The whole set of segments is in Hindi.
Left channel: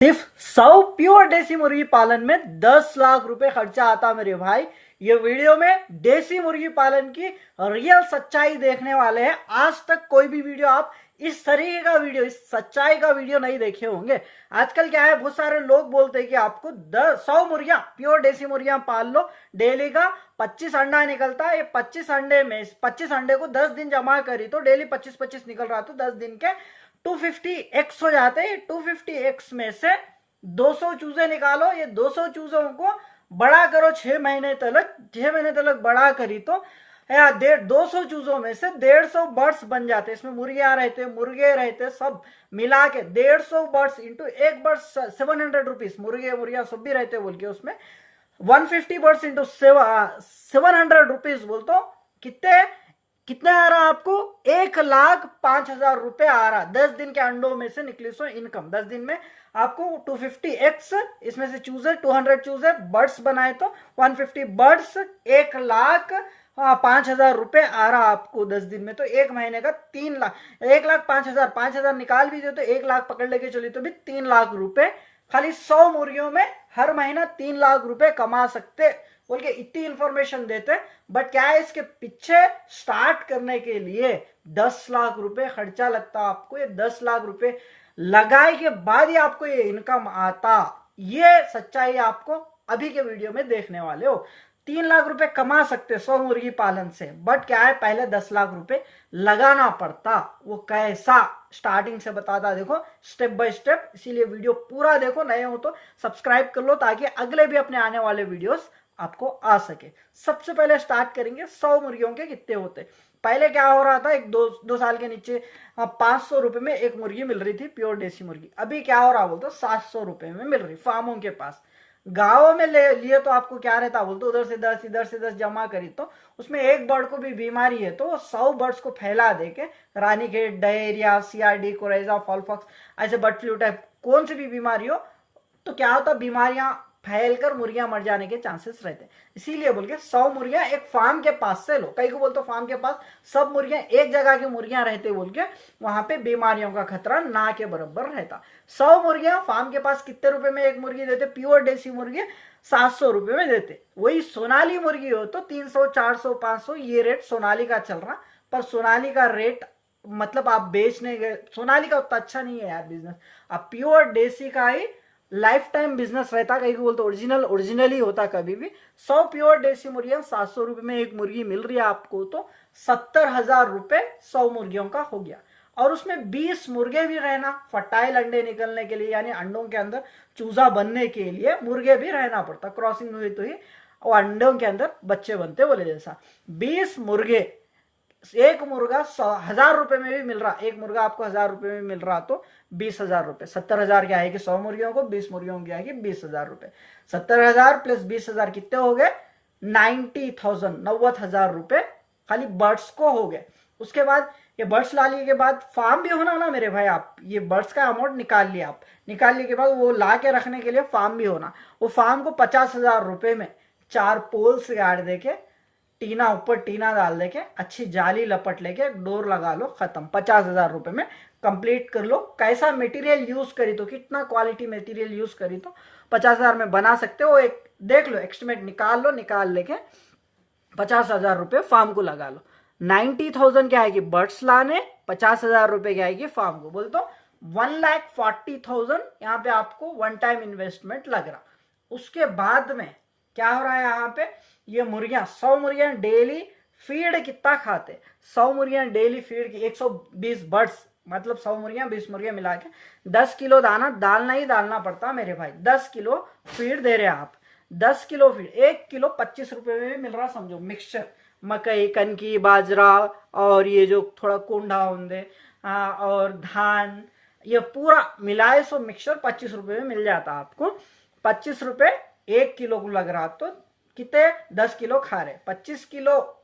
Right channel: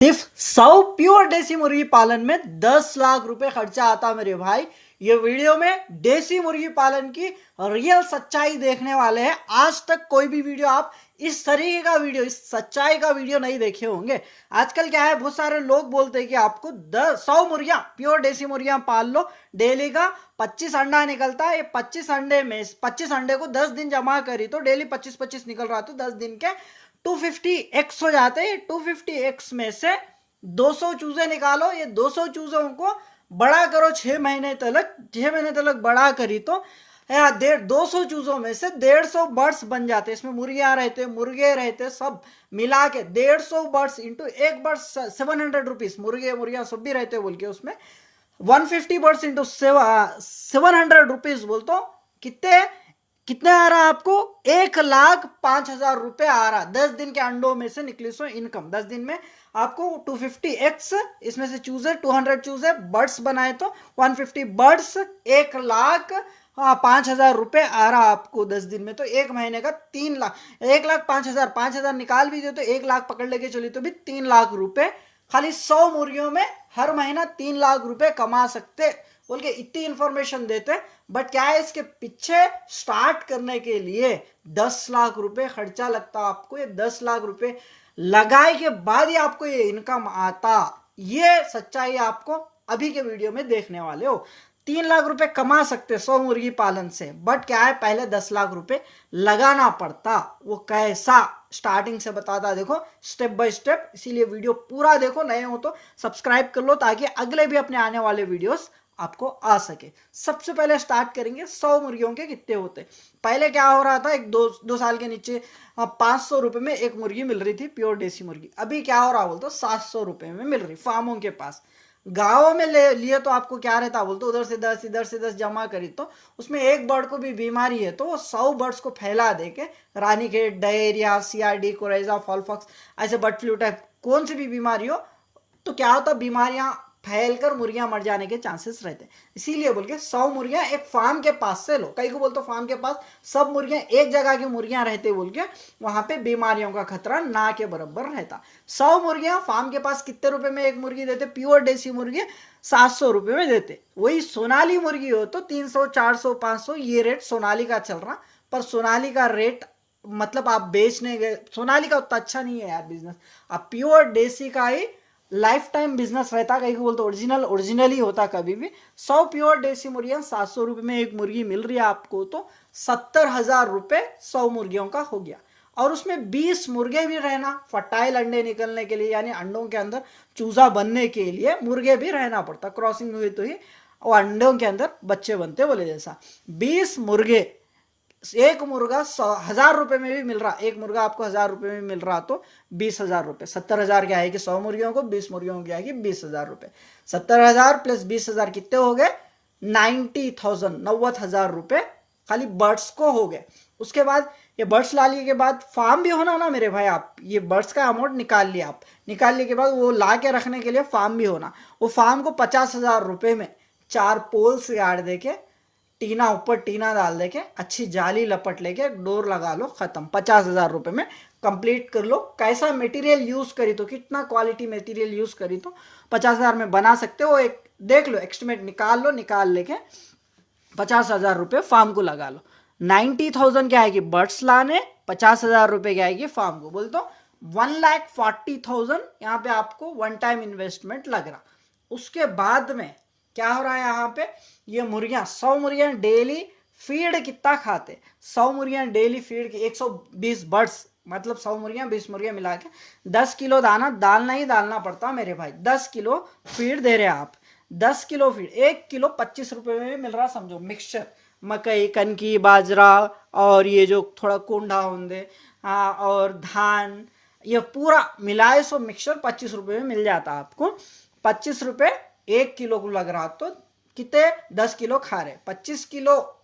सिर्फ 100 प्योर देसी मुर्गी पालन में 10 लाख रुपए खर्चा आता मेरे भाई। ये वीडियो में देसी मुर्गी पालन की रियल सच्चाई देखने वाले हैं। आज तक कोई भी वीडियो आप इस तरीके का वीडियो, इस सच्चाई का वीडियो नहीं देखे होंगे। आजकल क्या है, बहुत सारे लोग बोलते हैं कि आपको 100 मुर्गियां, प्योर देसी मुर्गियां पाल लो, डेली का 25 अंडा निकलता है। ये 25 अंडे में 25 अंडे को 10 दिन जमा करी तो डेली 25-25 निकल रहा, तो 10 दिन के 250x हो जाते हैं। 250x में से 200 चूजे निकालो, ये 200 चूजों को बड़ा करो 6 महीने तक, 6 महीने तक बड़ा करी तो 200 चूजों में से 150 बर्ड्स बन जाते। इसमें मुर्गियां रहते, मुर्गे रहते, सब मिला के 150 बर्ड्स इंटू एक बर्ड 700 रुपीज, मुर्गे मुर्गियां सब भी रहते बोल के उसमें 150 बर्ड्स इंटू 700 रुपीज बोल तो कितने कितना आ रहा आपको? 1,05,000 रुपए आ रहा। 10 दिन के अंडों में से निकली सो इनकम 10 दिन में आपको 250x, इसमें से चूजर 200 चूजर बर्ड्स बनाए तो 150 बर्ड्स 1,05,000 रुपए आ रहा आपको 10 दिन में। तो एक महीने का 3 लाख, 1,05,000, 5,000 निकाल भी दो तो 1 लाख पकड़ लेके चली तो भी 3 लाख रुपए खाली 100 मुर्गियों में हर महीना 3 लाख रुपए कमा सकते बोल के इतनी इंफॉर्मेशन देते। बट क्या है, इसके पीछे स्टार्ट करने के लिए 10 लाख रुपए खर्चा लगता आपको। ये 10 लाख रुपए लगाए के बाद ही आपको ये इनकम आता। ये सच्चाई आपको अभी के वीडियो में देखने वाले हो। 3 लाख रुपए कमा सकते 100 मुर्गी पालन से, बट क्या है, पहले 10 लाख रुपए लगाना पड़ता। वो कैसा स्टार्टिंग से बताता, देखो स्टेप बाय स्टेप। इसीलिए वीडियो पूरा देखो, नए हो तो सब्सक्राइब कर लो ताकि अगले भी अपने आने वाले वीडियोस आपको आ सके। सबसे पहले स्टार्ट करेंगे 100 मुर्गियों के कितने होते। पहले क्या हो रहा था, एक दो साल के नीचे 500 रुपए में एक मुर्गी मिल रही थी, प्योर देसी मुर्गी। अभी क्या हो रहा बोलते 700 रुपए में मिल रही फार्मों के पास। गाँव में लिए तो आपको क्या रहता बोलते, उधर से 10 इधर से 10 जमा करी तो उसमें एक बर्ड को भी बीमारी है तो 100 बर्ड्स को फैला दे के, रानीखेत, डायरिया, CRD, कोरेजा, फॉलफॉक्स, ऐसे बर्ड फ्लू टाइप कौन सी भी बीमारी हो तो क्या होता, बीमारियां फैलकर मुर्गियां मर जाने के चांसेस रहते हैं। इसीलिए बोल के 100 मुर्गियां एक फार्म के पास से लो। कई को बोलते फार्म के पास सब मुर्गियां एक जगह की मुर्गियां रहते बोल के वहां पे बीमारियों का खतरा ना के बराबर रहता। 100 मुर्गियां फार्म के पास कितने रुपए में एक मुर्गी देते? प्योर देसी मुर्गी 700 रुपए में देते। वही सोनाली मुर्गी हो तो 300, 400, 500 ये रेट सोनाली का चल रहा। पर सोनाली का रेट मतलब आप बेचने गए, सोनाली का उतना अच्छा नहीं है यार बिजनेस। आप प्योर देसी का ही लाइफ टाइम बिजनेस रहता। कहीं को बोलते ओरिजिनल ही होता कभी भी। 100 प्योर देसी मुर्गियां 700 रुपए में एक मुर्गी मिल रही है आपको तो 70,000 रुपए 100 मुर्गियों का हो गया। और उसमें 20 मुर्गे भी रहना, फर्टाइल अंडे निकलने के लिए, यानी अंडों के अंदर चूजा बनने के लिए मुर्गे भी रहना पड़ता। क्रॉसिंग हुई तो ही और अंडों के अंदर बच्चे बनते बोले जैसा। 20 मुर्गे, एक मुर्गा 1,000 रुपए में भी मिल रहा। एक मुर्गा आपको 1,000 रुपए में मिल रहा तो 20,000 रुपए, 70,000 क्या है कि 100 मुर्गियों को, 20 मुर्गियों की आएगी 20,000 रुपए। 70,000 प्लस 20,000 कितने हो गए? 90,000, 90,000 रुपए खाली बर्ड्स को हो गए। उसके बाद ये बर्ड्स ला लिए के बाद फार्म भी होना ना मेरे भाई। आप ये बर्ड्स का अमाउंट निकाल लिया, आप निकाल लिए के बाद वो ला के रखने के लिए फार्म भी होना। वो फार्म को 50,000 रुपए में 4 पोल्स गाड़ दे के, टीना ऊपर टीना डाल देके, अच्छी जाली लपट लेके डोर लगा लो, खत्म। 50,000 रुपए में कंप्लीट कर लो। कैसा मटेरियल यूज करी तो, कितना क्वालिटी मटेरियल यूज करी तो 50,000 में बना सकते हो। एक देख लो, एस्टिमेट निकाल लो, निकाल लेके 50,000 रुपए फार्म को लगा लो। 90,000 क्या आएगी बर्ड्स लाने, 50,000 रुपए क्या आएगी फार्म को। बोलते 1,40,000 यहाँ पे आपको वन टाइम इन्वेस्टमेंट लग रहा। उसके बाद में क्या हो रहा है यहाँ पे, ये मुर्गियां 100 मुर्गियां डेली फीड कितना खाते? 100 मुर्गियां डेली फीड की 120 बर्ड्स, मतलब 100 मुर्गियां 20 मुर्गियां मिला के 10 किलो दाना डालना ही डालना पड़ता मेरे भाई। 10 किलो फीड दे रहे आप, 10 किलो फीड, 1 किलो 25 रुपए में मिल रहा समझो। मिक्सचर मकई, कनकी, बाजरा और ये जो थोड़ा कोंडा होंगे और धान, ये पूरा मिलाए सो मिक्सचर 25 रुपए में मिल जाता आपको। 25 रुपए 1 किलो को लग रहा तो कितने? 10 किलो खा रहे। 25 किलो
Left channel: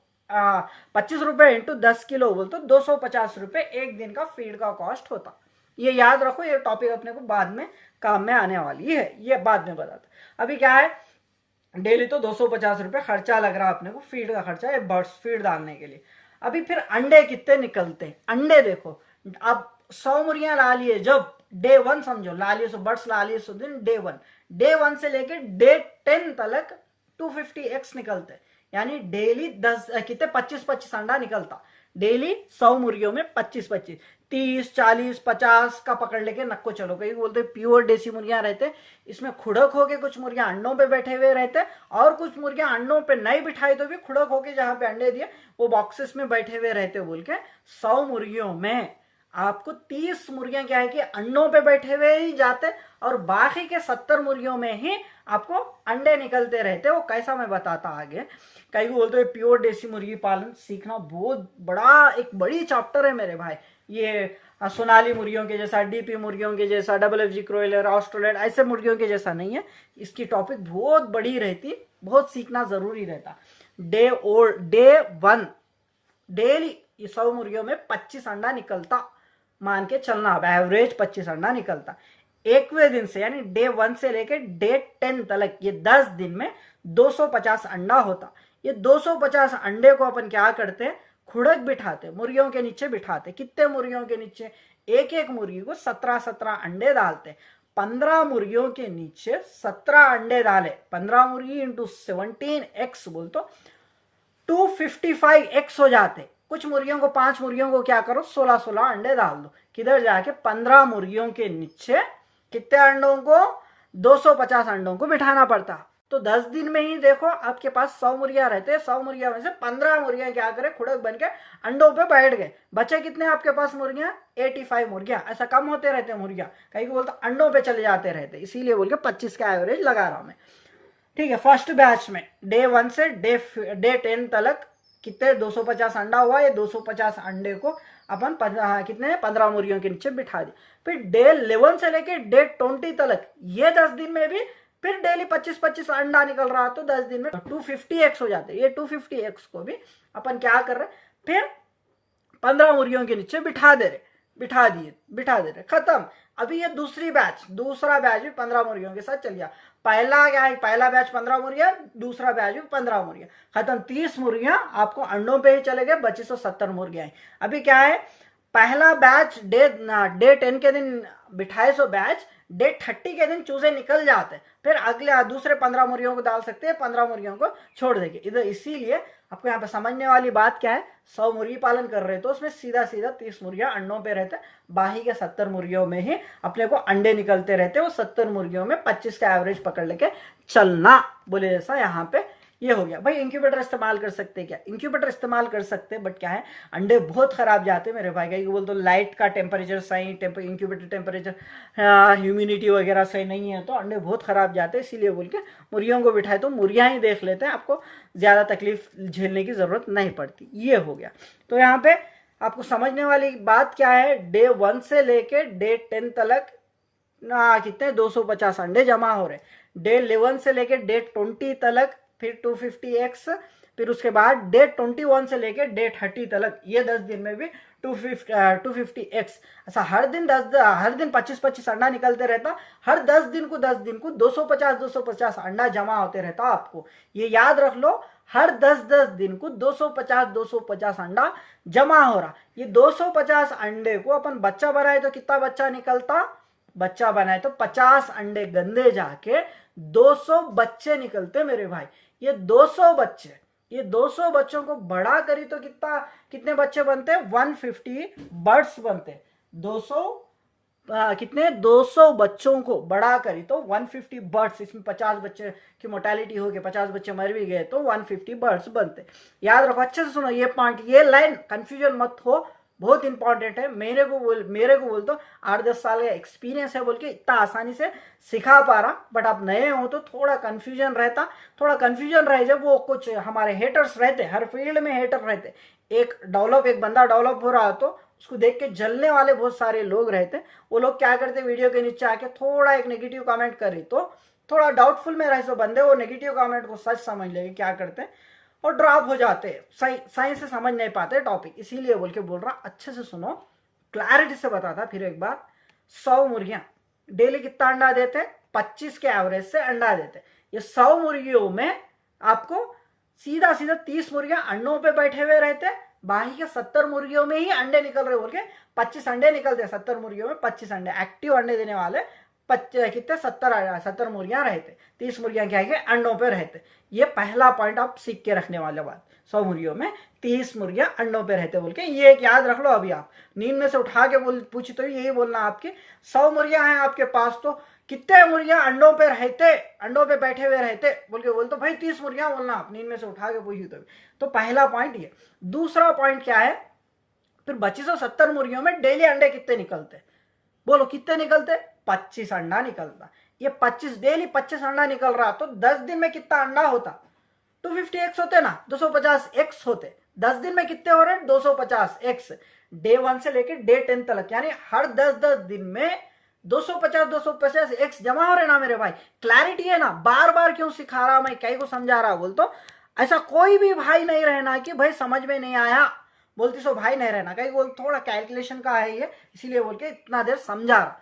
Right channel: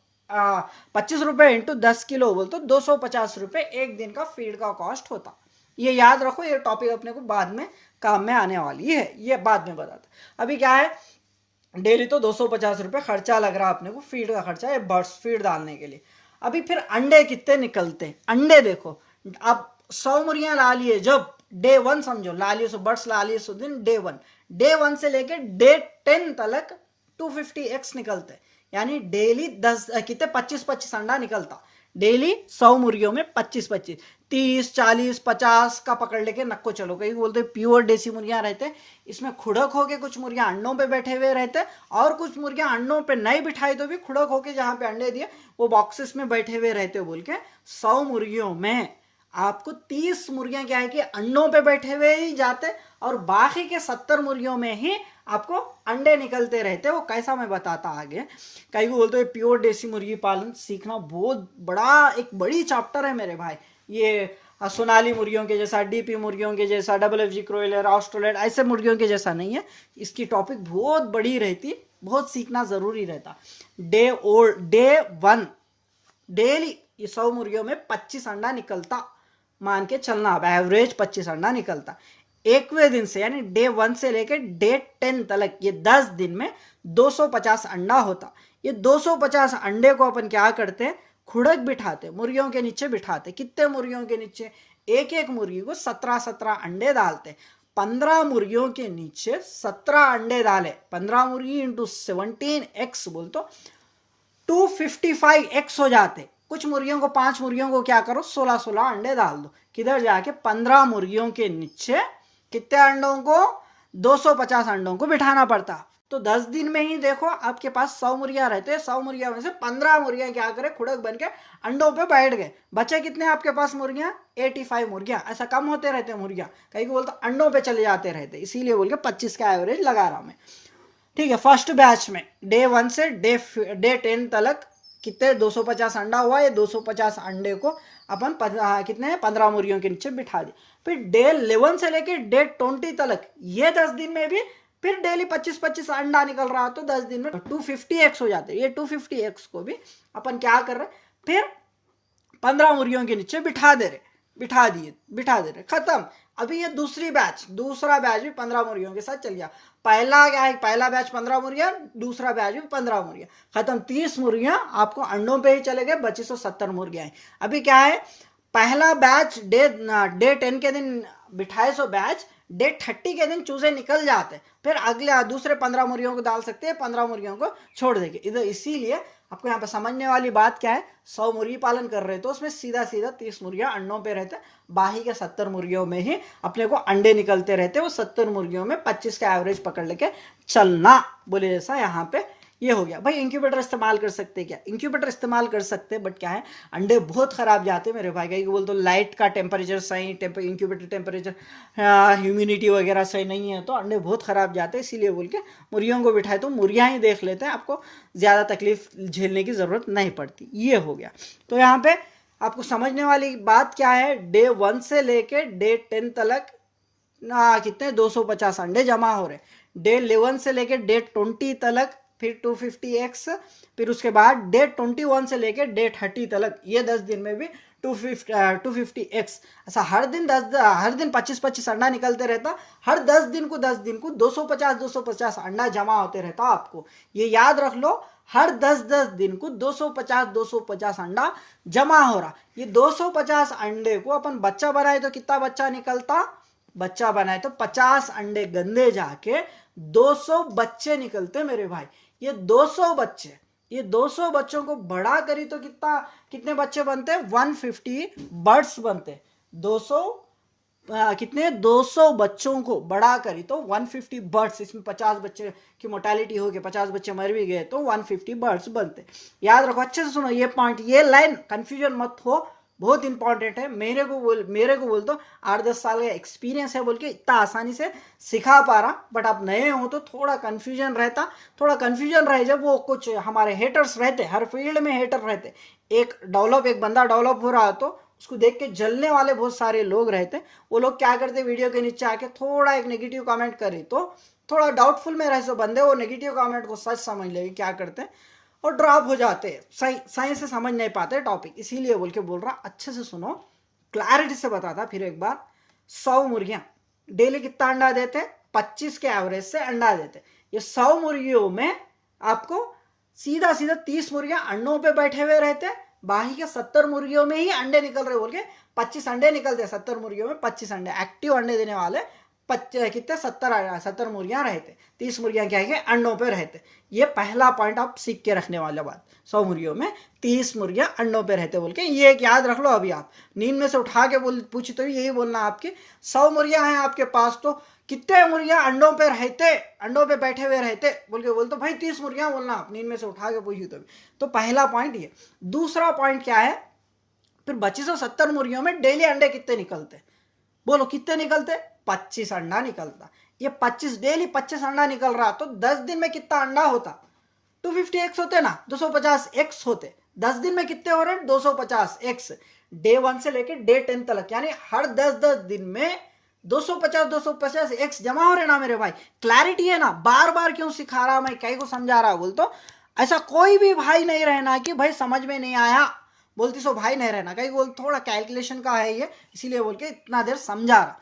25 रुपए इंटू 10 किलो बोल तो 250 रुपए एक दिन का फीड का कॉस्ट होता। ये याद रखो, ये टॉपिक अपने को बाद में काम में आने वाली है, ये बाद में बताता। अभी क्या है, डेली तो 250 रुपए खर्चा लग रहा अपने को, फीड का खर्चा, ये बर्ड्स फीड डालने के लिए। अभी फिर अंडे कितने निकलते हैं? अंडे देखो, अब 100 मुर्गियां ला लिए जब डे 1 समझो, लालियोसुबर्ट्स लालियोसुद्दीन डे 1 से लेके डे 10 तक 250 एग्स निकलते, यानी डेली 10 कितने 25 अंडा निकलता डेली। 100 मुर्गियों में 25 30 40 50 का पकड़ लेके नक्को चलो। कई बोलते प्योर देसी मुर्गियां रहते, इसमें खुड़क होके कुछ मुर्गियां अंडों पे बैठे हुए रहते, और कुछ मुर्गियां अंडों पे नहीं बिठाई तो भी खुड़क होके जहां पे अंडे दिए वो बॉक्सेस में बैठे हुए रहते बोल के। 100 मुर्गियों में आपको 30 मुर्गियां क्या है कि अंडों पे बैठे हुए ही जाते, और बाकी के 70 मुर्गियों में ही आपको अंडे निकलते रहते। वो कैसा मैं बताता आगे। कई को बोलते हैं प्योर देसी मुर्गी पालन सीखना बहुत बड़ा एक बड़ी चैप्टर है मेरे भाई। ये सोनाली मुर्गियों के जैसा, डीपी मुर्गियों के जैसा, WFG क्रोइलर, ऑस्ट्रेलेट ऐसे मुर्गियों के जैसा नहीं है। इसकी टॉपिक बहुत बड़ी रहती, बहुत सीखना जरूरी रहता। डे 1 डेली ये 100 मुर्गियों में 25 अंडा निकलता, मान के चलना अब एवरेज 25 अंडा निकलता। 1वें दिन से यानी डे 1 से लेकर डे 10 तक ये 10 दिन में 250 अंडा होता। ये 250 अंडे को अपन क्या करते हैं, खुड़क बिठाते, मुर्गियों के नीचे बिठाते। कितने मुर्गियों के नीचे, एक एक मुर्गी को 17 अंडे डालते। 15 मुर्गियों के नीचे 17 अंडे डाले, 15 मुर्गी इंटू 17 एक्स बोल तो 255 एक्स हो जाते। कुछ मुर्गियों को 5 मुर्गियों को क्या करो 16 अंडे डाल दो, किधर जाके 15 मुर्गियों के नीचे कितने अंडों को 250 अंडों को बिठाना पड़ता। तो 10 दिन में ही देखो आपके पास 100 मुर्गियां रहते हैं, 100 मुर्गियां में से 15 मुर्गियां क्या करे खुड़क बन के अंडों पे बैठ गए। बचे कितने आपके पास मुर्गियां 85 मुर्गियां। ऐसा कम होते रहते हैं मुर्गियां, कहीं को बोलते अंडों पे चले जाते रहते, इसीलिए बोल के 25 का एवरेज लगा रहा हूं मैं। ठीक है, फर्स्ट बैच में डे 1 से डे 10 तक कितने 250 अंडा हुआ। ये 250 अंडे को अपन कितने 15 मुर्गियों के नीचे बिठा दिए। फिर डे 11 से लेके डे 20 तक ये 10 दिन में भी फिर डेली 25 अंडा निकल रहा, तो 10 दिन में 250 एक्स हो जाते। ये 250 एक्स को भी अपन क्या कर रहे, फिर 15 मुर्गियों के नीचे बिठा दे रहे, खत्म। अभी ये दूसरा बैच भी 15 मुर्गियों के साथ चल गया। पहला क्या है, पहला बैच 15 मुर्गियां, दूसरा बैच भी 15 मुर्गियां, खत्म। 30 मुर्गियां आपको अंडों पे ही चले गए, बचे 170 मुर्गियां। अभी क्या है, पहला बैच डे 10 के दिन बिठाए सो बैच डे 30 के दिन चूजे निकल जाते, फिर अगले दूसरे 15 मुर्गियों को डाल सकते हैं, 15 मुर्गियों को छोड़ देंगे इधर। इसीलिए आपको यहाँ पे समझने वाली बात क्या है, 100 मुर्गी पालन कर रहे तो उसमें सीधा 30 मुर्गियां अंडों पे रहते, बाकी के 70 मुर्गियों में ही अपने को अंडे निकलते रहते। वो 70 मुर्गियों में 25 का एवरेज पकड़ लेके चलना बोले, जैसा यहाँ पे ये हो गया। भाई इंक्यूबेटर इस्तेमाल कर सकते क्या, इंक्यूबेटर इस्तेमाल कर सकते, बट क्या है अंडे बहुत खराब जाते मेरे भाई। कहीं बोल तो लाइट का टेम्परेचर सही, इंक्यूबेटर टेम्परेचर ह्यूमिडिटी वगैरह सही नहीं है तो अंडे बहुत खराब जाते, इसीलिए बोल के मुर्गियों को बिठाए तो मुर्गियां ही देख लेते हैं, आपको ज़्यादा तकलीफ झेलने की ज़रूरत नहीं पड़ती। ये हो गया। तो यहाँ पे आपको समझने वाली बात क्या है, डे 1 से लेके डे 10 तक कितने 250 अंडे जमा हो रहे। डे 11 से लेके डे 20 तक फिर 250x, फिर उसके बाद डे 21 से लेके डे 30 तक ये 10 दिन में भी 250x। ऐसा हर दिन 25 अंडा निकलते रहता। हर 10 दिन को 250 अंडा जमा होते रहता। आपको ये याद रख लो, हर 10 दिन को 250 अंडा जमा हो रहा। ये 250 अंडे को अपन बच्चा बनाए तो कितना बच्चा निकलता, बच्चा बनाए तो 50 अंडे गंदे जाके 200 बच्चे निकलते मेरे भाई। ये 200 बच्चों को बड़ा करी तो कितने बच्चे बनते, 150 बर्ड्स बनते। 200 बच्चों को बड़ा करी तो 150 बर्ड्स, इसमें 50 बच्चे की मोर्टेलिटी हो गई, 50 बच्चे मर भी गए तो 150 बर्ड्स बनते। याद रखो, अच्छे से सुनो ये पॉइंट, ये लाइन कंफ्यूजन मत हो, बहुत इंपॉर्टेंट है। मेरे को बोल तो 8-10 साल का एक्सपीरियंस है बोल के इतना आसानी से सिखा पा रहा, बट आप नए हो तो थोड़ा कंफ्यूजन रहे। जब वो कुछ हमारे हेटर्स रहते, हर फील्ड में हेटर रहते, एक बंदा डेवलप हो रहा हो तो उसको देख के जलने वाले बहुत सारे लोग रहते। वो लोग क्या करते, वीडियो के नीचे आके थोड़ा एक नेगेटिव कमेंट करे तो थोड़ा डाउटफुल में रहे सो बंदे वो नेगेटिव कमेंट को सच समझ लेंगे, क्या करते हैं और ड्रॉप हो जाते हैं, सही से समझ नहीं पाते टॉपिक। इसीलिए बोल के बोल रहा, अच्छे से सुनो, क्लैरिटी से बताता फिर एक बार। 100 मुर्गियां डेली कितना अंडा देते, 25 के एवरेज से अंडा देते। ये 100 मुर्गियों में आपको सीधा 30 मुर्गियां अंडों पे बैठे हुए रहते, बाकी के 70 मुर्गियों में ही अंडे निकल रहे बोल के 25 अंडे निकलते, 70 मुर्गियों में 25 अंडे, एक्टिव अंडे देने वाले कितने 70 मुर्गियां रहते, 30 मुर्गियां क्या है अंडों पे रहते। ये पहला पॉइंट आप सीख के रखने वाले बात, 100 मुर्गियों में 30 मुर्गियां अंडों पे रहते बोल के, ये एक याद रख लो। अभी आप नींद में से उठा के पूछी तो यही बोलना आपके 100 मुर्गियां हैं आपके पास, तो कितने मुर्गियां अंडों पे रहते, अंडों पे बैठे हुए रहते बोल तो भाई 30 मुर्गियां बोलना आप, नींद में से उठा के पूछी तो पहला पॉइंट ये। दूसरा पॉइंट क्या है, फिर बची 70 मुर्गियों में डेली अंडे कितने निकलते, बोलो कितने निकलते, 25 अंडा निकलता। ये 25 डेली 25 अंडा निकल रहा तो 10 दिन में कितना अंडा होता, 250 एक्स होते ना, 250 एक्स होते। 10 दिन में कितने हो रहे हैं, 250 एक्स। डे 1 से लेकर डे 10 तक, यानी हर 10 दिन में 250 एक्स जमा हो रहे ना मेरे भाई। क्लैरिटी है ना, बार बार क्यों सिखा रहा मैं, कई को समझा रहा बोल तो ऐसा कोई भी भाई नहीं रहना कि भाई समझ में नहीं आया बोलती सो भाई नहीं रहना, कहीं बोल थोड़ा कैलकुलेशन का है ये, इसीलिए बोल के इतना देर समझा रहा।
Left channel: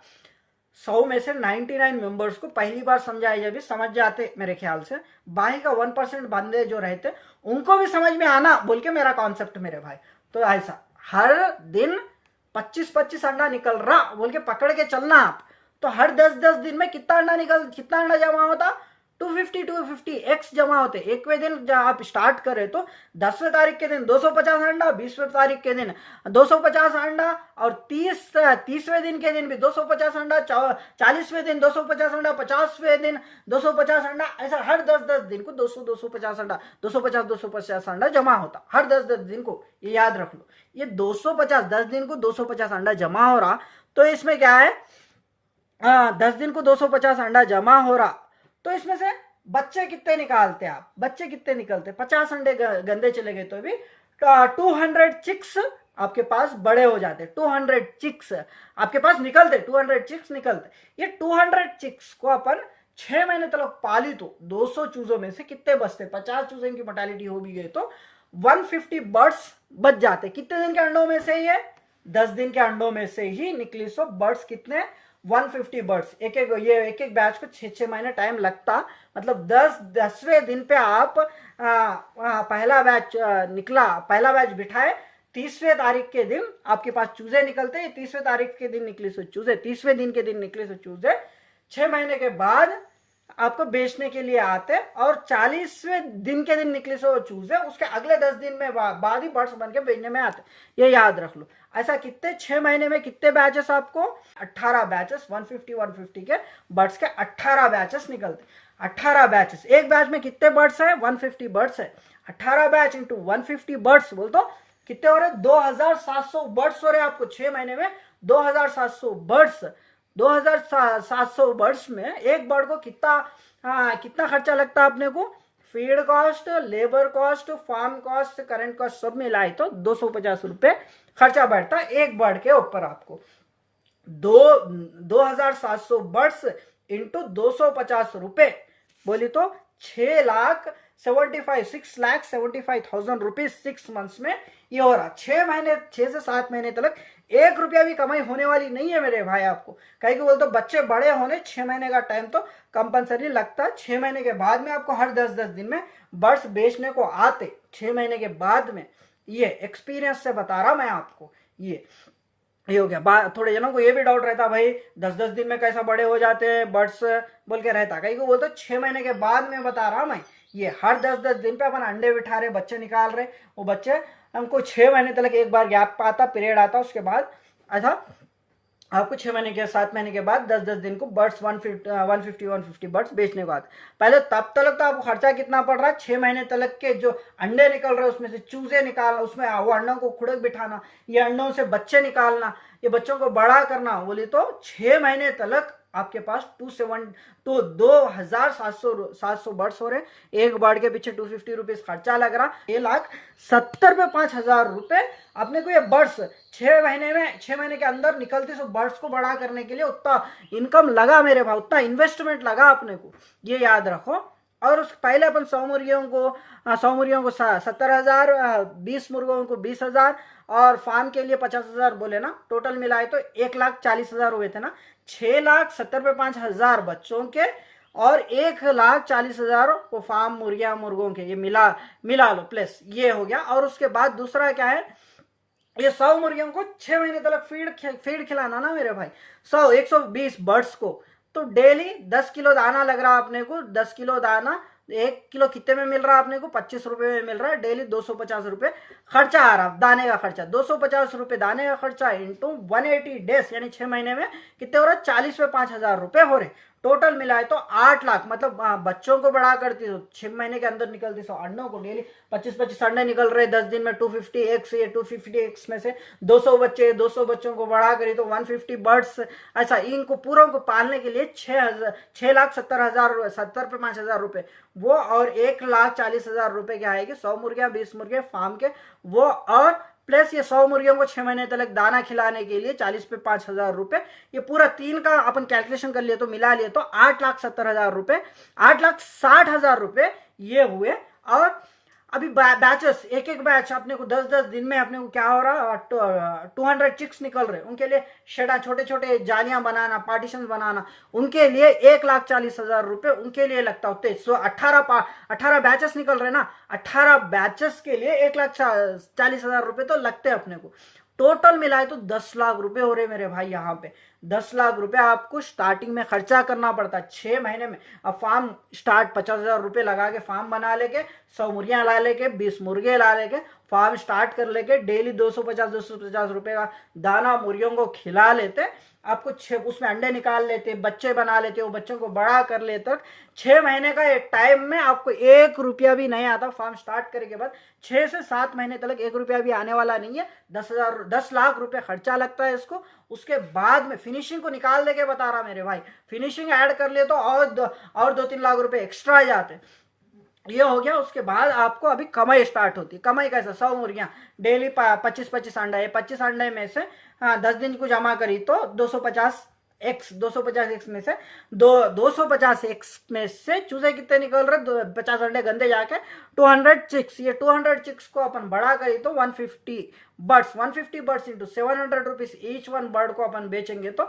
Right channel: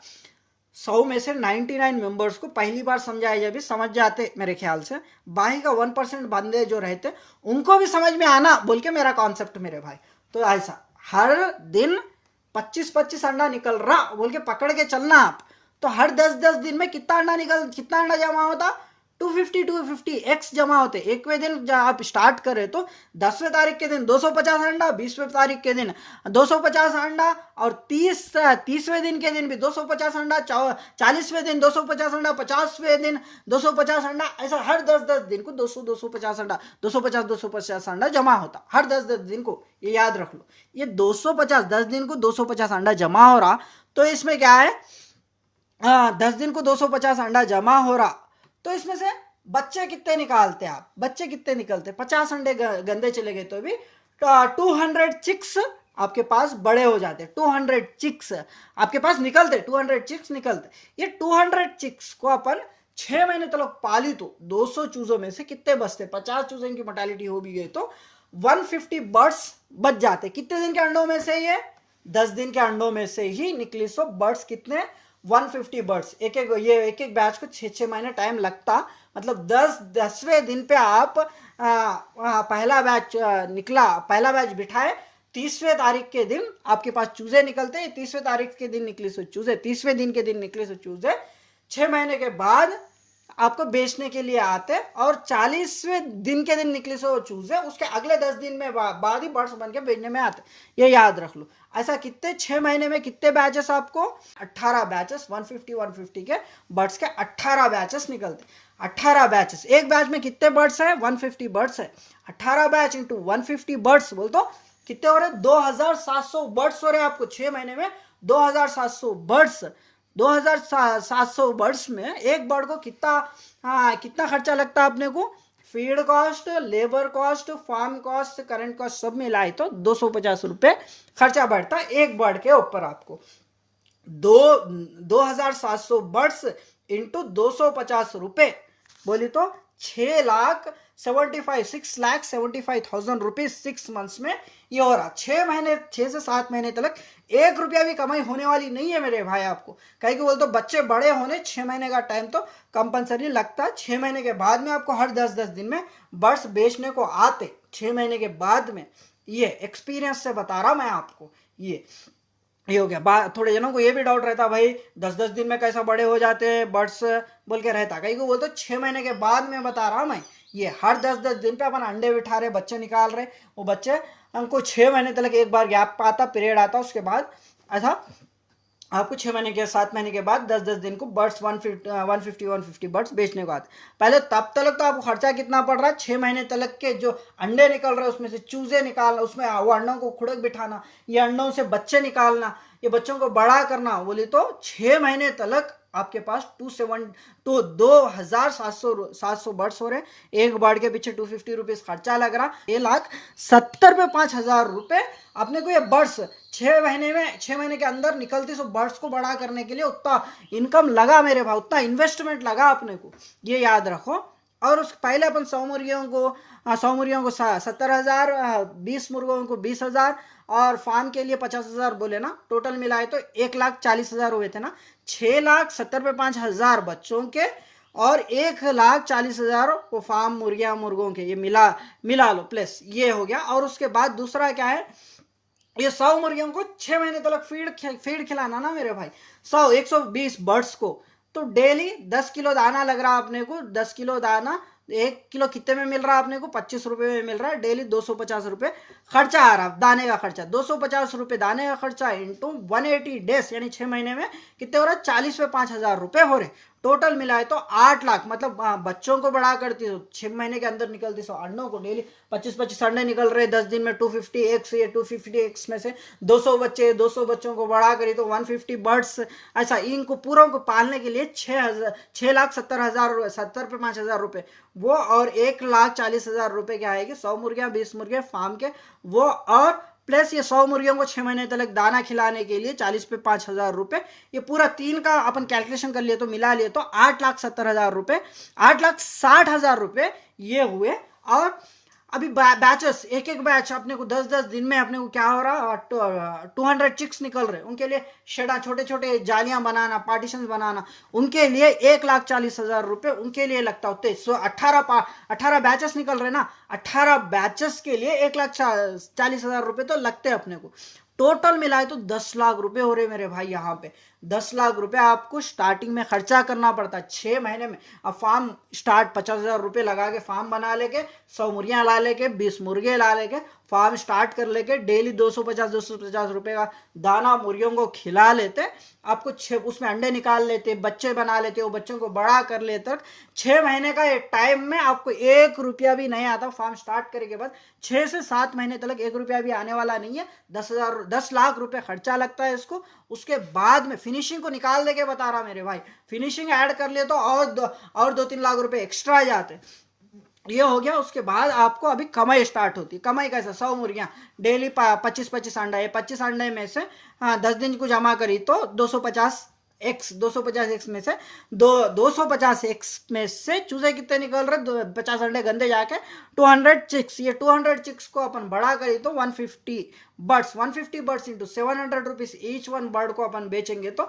100 में से 99 मेंबर्स को पहली बार समझाया जब भी समझ जाते मेरे ख्याल से, बाकी का 1% बंदे जो रहते उनको भी समझ में आना बोल के मेरा कॉन्सेप्ट मेरे भाई। तो ऐसा हर दिन 25-25 अंडा निकल रहा बोल के पकड़ के चलना आप, तो हर 10-10 दिन में कितना अंडा जमा होता, 250 एक्स जमा होते। 1वें दिन जब आप स्टार्ट करें तो 10वें तारीख के दिन 250 अंडा, 20वें तारीख के दिन 250 अंडा, और 30वें दिन के दिन भी 250 अंडा, 40वें दिन 250 अंडा, 50वें दिन 250 अंडा, ऐसा हर 10-10 दिन को 250 अंडा, 250 अंडा जमा होता हर 10-10 दिन को। ये याद रख लो, ये 10 दिन को 250 अंडा जमा हो रहा, तो इसमें क्या है 10 दिन को 250 अंडा जमा हो रहा, तो इसमें से बच्चे कितने निकालते आप, बच्चे कितने निकलते, 50 अंडे गंदे चले गए तो भी 200 चिक्स आपके पास बड़े हो जाते, 200 चिक्स आपके पास निकलते, 200 चिक्स निकलते। ये 200 चिक्स को अपन 6 महीने तक पाली तो 200 चूजों में से कितने बचते, 50 चूजों की मोर्टेलिटी हो भी गई तो 150 बर्ड्स बच जाते। कितने दिन के अंडों में से, ये 10 दिन के अंडों में से ही निकली। सो बर्ड्स कितने, 150 बर्ड्स। एक बैच को 6 महीने टाइम लगता, मतलब 10वें दिन पे आप पहला बैच निकला, पहला बैच बिठाए, 30वें तारीख के दिन आपके पास चूजे निकलते, 30वें तारीख के दिन निकली सो चूजे, 30वें दिन के दिन निकले सो चूजे 6 महीने के बाद आपको बेचने के लिए आते, और 40वें दिन के दिन निकले सो चूजे उसके अगले 10 दिन में बाद ही बर्ड्स बन के बेचने में आते। ये याद रख लो। ऐसा कितने 6 महीने में कितने बैचेस आपको, 18 बैचेस, 150 के बर्ड्स के 18 बैचेस निकलते। 18 बैचेस, एक बैच में कितने बर्ड्स है, 150 बर्ड्स है, 18 बैच इंटू 150 बर्ड्स बोल तो कितने हो रहे, 2700 बर्ड्स हो रहे आपको 6 महीने में। 2700 बर्ड्स, 2700 बर्ड्स में एक बर्ड को कितना खर्चा लगता है अपने को, feed cost, labour cost, farm cost, current cost सब मिलाए तो 250 रुपए खर्चा बैठता एक बर्ड के ऊपर आपको। 2700 बर्ड्स इंटू 250 रुपए बोली तो 6,75,000 रुपीज 6 मंथ्स में ये हो रहा। 6 से 7 महीने तक 1 रुपया भी कमाई होने वाली नहीं है मेरे भाई आपको। कहीं को बोलते तो बच्चे बड़े होने 6 महीने का टाइम तो कंपलसरी लगता। 6 महीने के बाद में आपको हर 10-10 दिन में बर्ड्स बेचने को आते, 6 महीने के बाद में। ये एक्सपीरियंस से बता रहा मैं आपको। ये हो गया। थोड़े जनों को ये भी डाउट रहता भाई 10-10 दिन में कैसा बड़े हो जाते हैं बर्ड्स बोल के रहता। कहीं को बोलते 6 महीने के बाद में बता रहा मैं। ये हर 10-10 दिन पे अपन अंडे बिठा रहे, बच्चे निकाल रहे, वो बच्चे हमको 6 महीने तक एक बार गैप आता, पीरियड आता, उसके बाद ऐसा आपको 6 महीने के 7 महीने के बाद 10-10 दिन को बर्ड्स 150 बर्ड्स बेचने को आते। पहले तब तक तो आपको खर्चा कितना पड़ रहा है, 6 महीने तक के जो अंडे निकल रहे उसमें से चूजे निकालना, उसमें वो अंडों को खुड़क बिठाना, ये अंडों से बच्चे निकालना, ये बच्चों को बड़ा करना, बोले तो 6 महीने तक आपके पास 2700 बर्ड्स हो रहे। एक बर्ड के पीछे 250 रुपीज खर्चा लग रहा, 1,70,000 पे 5,000 रुपए अपने को ये बर्ड्स 6 महीने के अंदर निकलते। सो बर्ड्स को बड़ा करने के लिए उतना इनकम लगा मेरे भाई, उतना इन्वेस्टमेंट लगा अपने को, ये याद रखो। और उस पहले अपन 100 मुर्गियों को 70,000, 20 मुर्गों को 20,000 और फार्म के लिए 50,000 बोले ना, टोटल मिलाए तो 1,40,000 हुए थे ना। 6,70,000 पे 5,000 बच्चों के और 1,40,000 वो फार्म मुर्गियां मुर्गों के, ये मिला लो प्लस ये हो गया। और उसके बाद दूसरा क्या है, ये 100 मुर्गियों को 6 महीने तक फीड खिलाना ना मेरे भाई, 120 बर्ड्स को। तो डेली 10 किलो दाना लग रहा है अपने को, 10 किलो दाना 1 किलो कितने में मिल रहा है अपने को, 25 रुपए में मिल रहा है। डेली 250 रुपए खर्चा आ रहा, दाने का खर्चा 250 रुपए दाने का खर्चा इंटू 180 डेज, यानी 6 महीने में कितने हो रहा है, 40 पे 5,000 रुपए हो रहे। टोटल मिलाए तो 8 लाख, मतलब बच्चों को बढ़ा करती तो 6 महीने के अंदर निकलती, सो अंडों को डेली 25-25 अंडे निकल रहे 10 दिन में, 250 एग्स, ये 250 एग्स में से 200 बच्चे, 200 बच्चों को बढ़ा करी तो 150 बर्ड्स। ऐसा इनको पूरों को पालने के लिए 6,70,000, 70 पे 5,000 रुपए वो, और 1,40,000 रुपए क्या आएगी, 100 मुर्गियां 20 मुर्गे फार्म के वो, और प्लस ये 100 मुर्गियों को 6 महीने तक दाना खिलाने के लिए 40 पे 5,000 रुपए। ये पूरा 3 का अपन कैलकुलेशन कर लिए तो मिला लिए तो 8,70,000 रुपए, 8,60,000 रुपए ये हुए। और अभी बैचेस, एक एक बैच अपने को 10-10 दिन में अपने को क्या हो रहा, 200 चिक्स निकल रहे, उनके लिए शेडा, छोटे छोटे जालियां बनाना, पार्टीशन बनाना, उनके लिए 1,40,000 रुपए उनके लिए लगता होते। सो 18 बैचेस निकल रहे ना, 18 बैचेस के लिए 1,40,000 रुपए तो लगते हैं अपने को। टोटल मिलाए तो 10 लाख रुपए हो रहे मेरे भाई। यहाँ पे 10 लाख रुपए आपको स्टार्टिंग में खर्चा करना पड़ता है 6 महीने में। अब फार्म स्टार्ट 50,000 रुपए लगा के फार्म बना लेके, 100 मुर्गियां ला लेके, 20 मुर्गे ला लेके फार्म स्टार्ट कर लेके, डेली 250 रुपए का दाना मुर्गियों को खिला लेते, आपको उसमें अंडे निकाल लेते, बच्चे बना लेते, वो बच्चों को बड़ा कर लेते, 6 महीने का टाइम में आपको 1 रुपया भी नहीं आता। फार्म स्टार्ट करने के बाद 6 से 7 महीने तक 1 रुपया भी आने वाला नहीं है। 10 लाख रुपए खर्चा लगता है इसको। उसके बाद में फिनिशिंग को निकाल दे के बता रहा मेरे भाई, फिनिशिंग ऐड कर ले तो और 2-3 लाख रुपए एक्स्ट्रा आ जाते, ये हो गया। उसके बाद आपको अभी कमाई स्टार्ट होती। कमाई कैसा, 100 मुर्गियां डेली 25-25 अंडा है, 25 अंडे में से 10 दिन को जमा करी तो 250 एक्स में से 250 एक्स में से चूजे कितने निकल रहे, 50 अंडे गंदे जाके 200 चिक्स। ये 200 चिक्स को अपन बड़ा करी तो 150 birds into 700 rupees each one bird को अपन बेचेंगे तो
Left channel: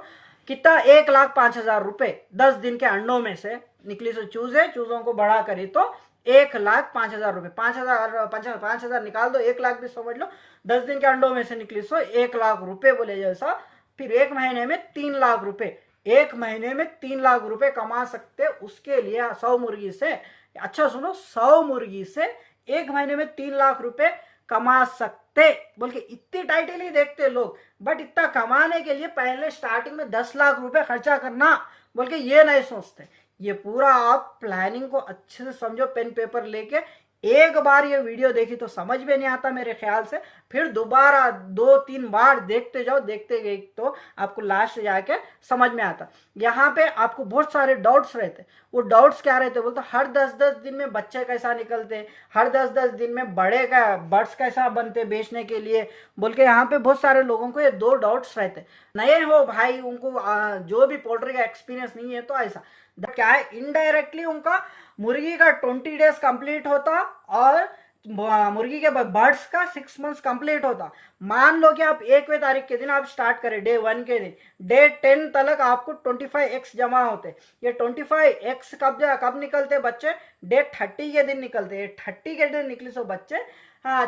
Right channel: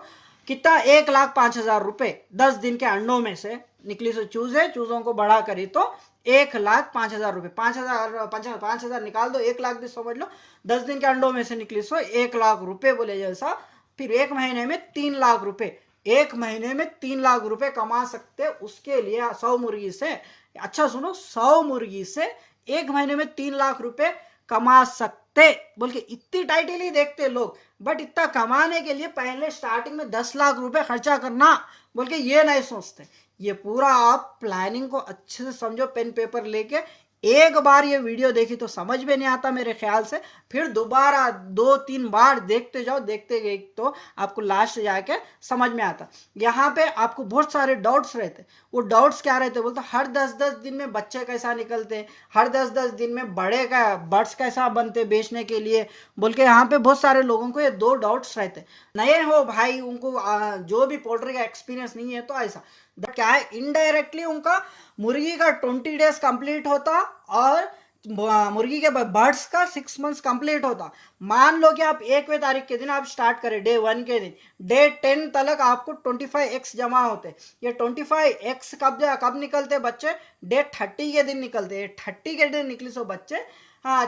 कितना, 1,05,000 रुपए 10 दिन के अंडों में से निकली। से चूजों को बड़ा करी तो 1,05,000 रुपए, 5,000 निकाल दो, 1 लाख भी समझ लो, 10 दिन के अंडों में से निकली, सो 1 लाख रुपए बोले जैसा। फिर 1 महीने में 3 लाख रुपए, 1 महीने में 3 लाख रुपए कमा सकते। उसके लिए 100 मुर्गी से, अच्छा सुनो, 100 मुर्गी से 1 महीने में 3 लाख रुपए कमा सकते बोल के इतनी टाइटली देखते लोग। बट इतना कमाने के लिए पहले स्टार्टिंग में 10 लाख रुपए खर्चा करना बोल के ये नहीं सोचते। ये पूरा आप प्लानिंग को अच्छे से समझो, पेन पेपर लेके। एक बार ये वीडियो देखी तो समझ में नहीं आता मेरे ख्याल से, फिर दोबारा 2-3 बार देखते जाओ, देखते गए तो आपको लास्ट जाके समझ में आता। यहाँ पे आपको बहुत सारे डाउट्स रहते। वो डाउट्स क्या रहते बोलते, हर 10-10 दिन में बच्चे कैसा निकलते, हर 10-10 दिन में बर्ड्स कैसा बनते बेचने के लिए बोल के। यहाँ पे बहुत सारे लोगों को ये 2 डाउट्स रहते। नए हो भाई, उनको जो भी पोल्ट्री का एक्सपीरियंस नहीं है तो ऐसा क्या है, इनडायरेक्टली उनका मुर्गी का 20 डेज कंप्लीट होता और मुर्गी के बर्ड्स का 6 मंथ्स कंप्लीट होता। मान लो कि आप 1वें तारीख के दिन आप स्टार्ट करें, डे 1 के दिन, डे 10 तक आपको 25 एक्स जमा होते। ये 25 एक्स कब निकलते बच्चे, डे 30 के दिन निकलते। 30 के दिन निकले सो बच्चे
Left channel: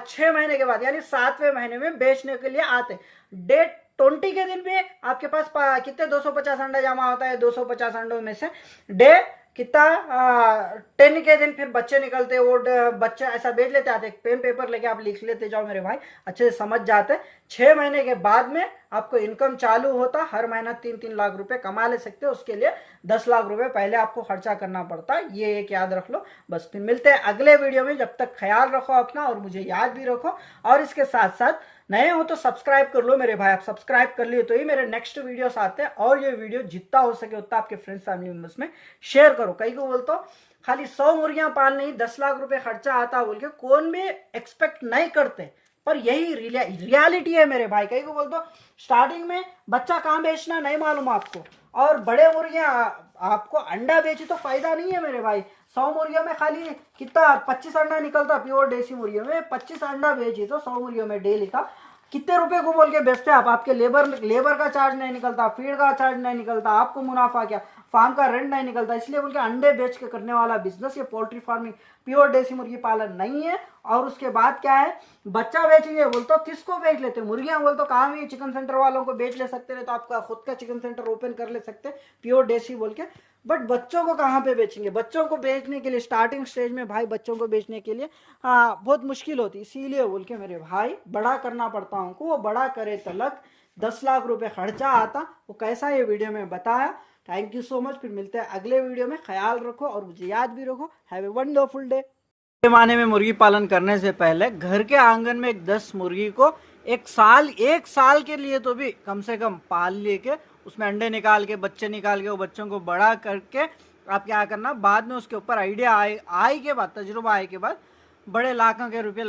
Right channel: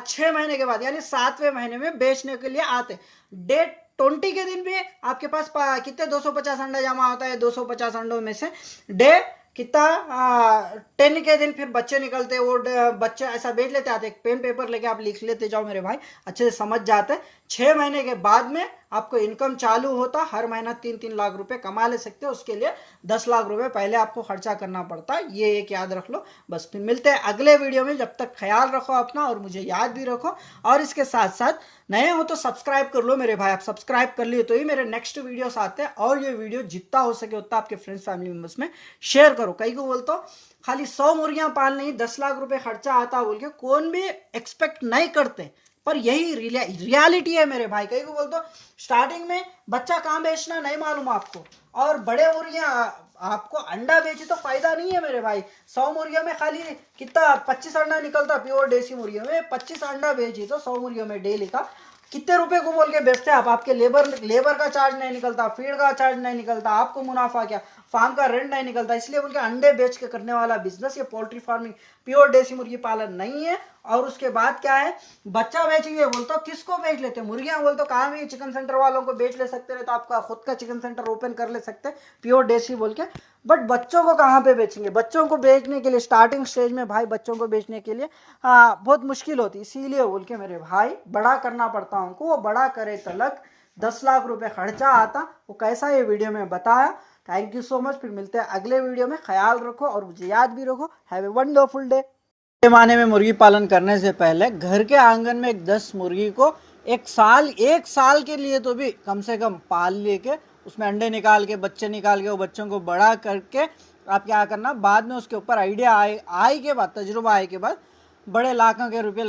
6 महीने के बाद यानी 7वें महीने में बेचने के लिए आते। डे 20 के दिन भी आपके पास कितने 250 अंडा जमा होता है। 250 अंडों में से डे कितना 10 के दिन फिर बच्चे निकलते। वो बच्चे ऐसा बेच लेते आते, पेन पेपर लेके आप लिख लेते जाओ मेरे भाई, अच्छे से समझ जाते। 6 महीने के बाद में आपको इनकम चालू होता, हर महीना 3-3 लाख रुपए कमा ले सकते हो। उसके लिए 10 लाख रुपए पहले आपको खर्चा करना पड़ता है, ये एक याद रख लो बस। फिर मिलते हैं अगले वीडियो में, जब तक ख्याल रखो अपना और मुझे याद भी रखो। और इसके साथ साथ नए हो तो सब्सक्राइब कर लो मेरे भाई, आप सब्सक्राइब कर लिए तो ही मेरे नेक्स्ट वीडियोस आते हैं। और ये वीडियो जितना हो सके उतना आपके फ्रेंड्स फैमिली मेंबर्स में शेयर करो। कई को बोलते हो खाली 100 मुर्गियां पालने ही 10 लाख रुपए खर्चा आता बोल के, कौन भी एक्सपेक्ट नहीं करते, पर यही रियलिटी है मेरे भाई। कई को बोलते हो स्टार्टिंग में बच्चा कहाँ बेचना नहीं मालूम आपको, और बड़े मुर्गियां आपको अंडा बेचे तो फायदा नहीं है मेरे भाई। 100 मुर्गियों में खाली कितना 25 अंडा निकलता, प्योर देसी मुर्गियों में 25 अंडा बेची तो 100 मुर्गियों में डेली का कितने रुपए को बोल के बेचते आप। आपके लेबर का चार्ज नहीं निकलता, फीड का चार्ज नहीं निकलता, आपको मुनाफा क्या, फार्म का रेंट नहीं निकलता, इसलिए बोल के अंडे बेच के करने वाला बिजनेस ये पोल्ट्री फार्मिंग प्योर देसी मुर्गी पालन नहीं है। और उसके बाद क्या है, बच्चा बेचेंगे बोलते किसको बेच लेते, मुर्गियां बोलते कहाँ भी चिकन सेंटर वालों को बेच ले सकते, तो आपका खुद का चिकन सेंटर ओपन कर ले सकते प्योर देसी बोल के। बट बच्चों को कहाँ पे बेचेंगे, बच्चों को बेचने के लिए स्टार्टिंग स्टेज में भाई बच्चों को बेचने के लिए बहुत मुश्किल होती, इसीलिए बोल के मेरे भाई बड़ा करना पड़ता उनको, वो बड़ा करे तलक 10 लाख रुपए खर्चा आता, वो कैसा ये वीडियो में बताया। थैंक यू सो मच, फिर मिलते हैं अगले वीडियो में, ख्याल रखो और मुझे याद भी रखो। Have a wonderful day. जमाने में मुर्गी पालन करने से पहले घर के आंगन में 10 मुर्गी को एक साल के लिए तो भी कम से कम पाल लेके उसमें अंडे निकाल के बच्चे निकाल के वो बच्चों को बड़ा करके आप क्या करना, बाद में उसके ऊपर आइडिया आए के बाद, तजुर्बा आए के बाद बड़े लाखों के रुपए